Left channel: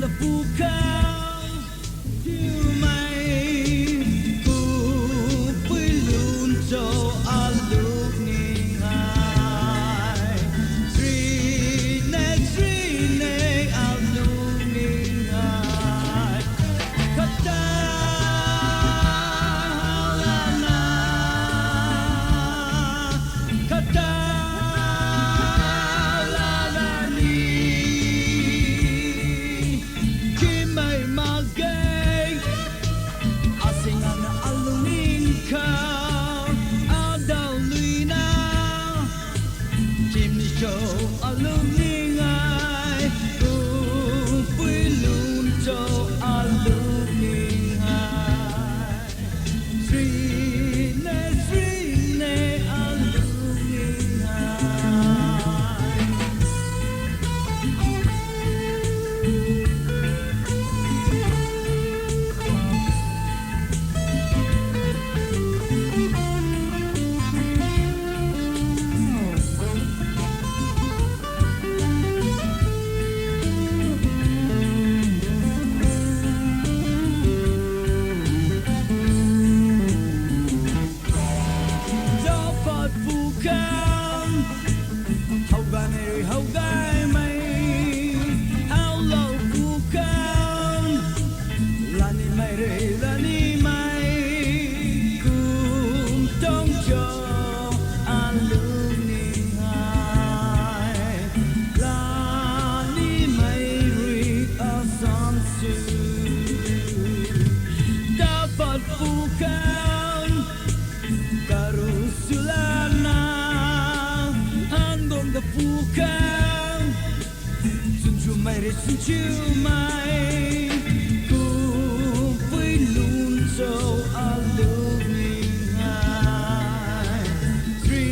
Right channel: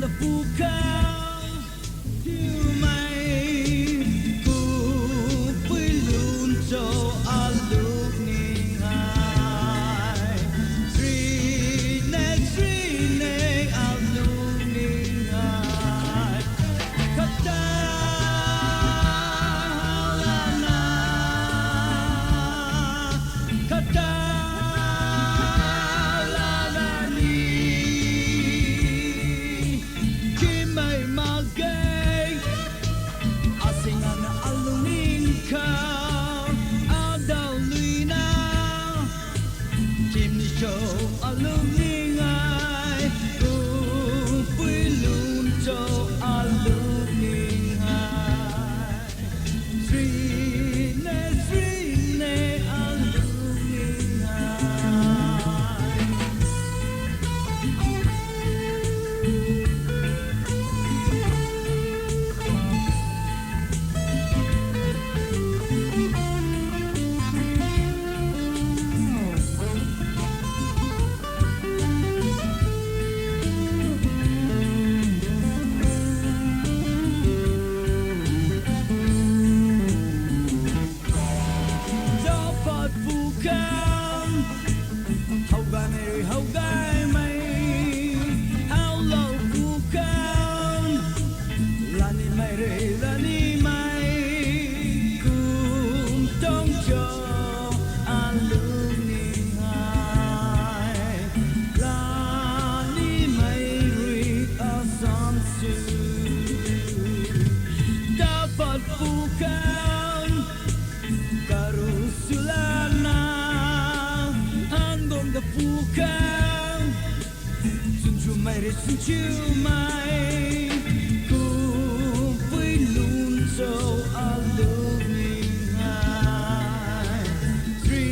là phù khao yêu mày cùng với luôn cho anh lúc nhìn ai duy nè ao luôn nhìn ai kata kata anh luôn nghĩ ngại vui luôn cho anh luôn nghĩ ngại duy nè anh luôn nghĩ ngại dapat bukan terus lama andong bukan senyum mai senyum mai cùng với luôn dấu anh luôn ngại duy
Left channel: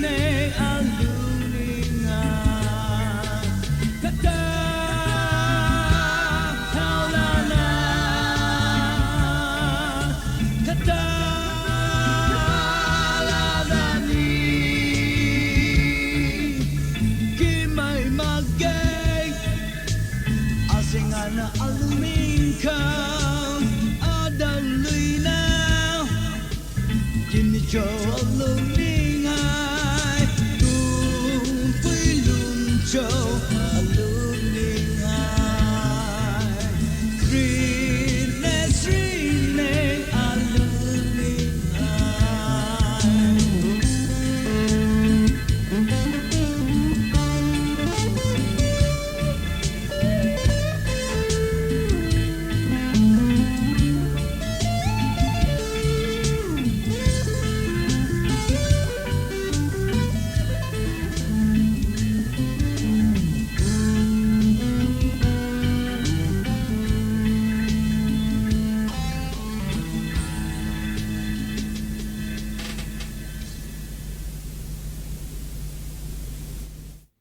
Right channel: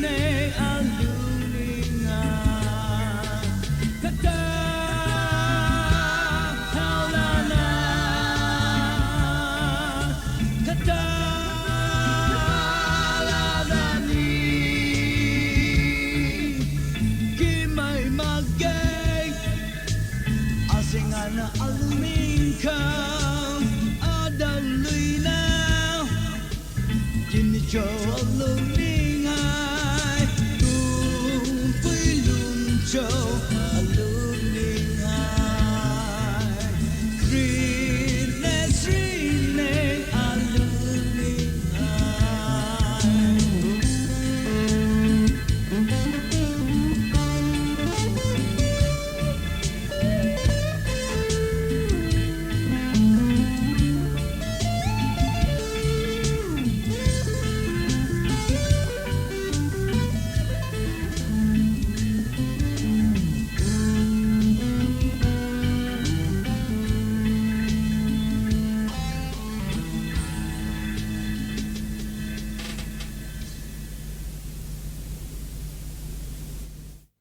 nè anh luôn ngại kata Singana alumin kau ada lina kini jauh lebih ngai tu belum jauh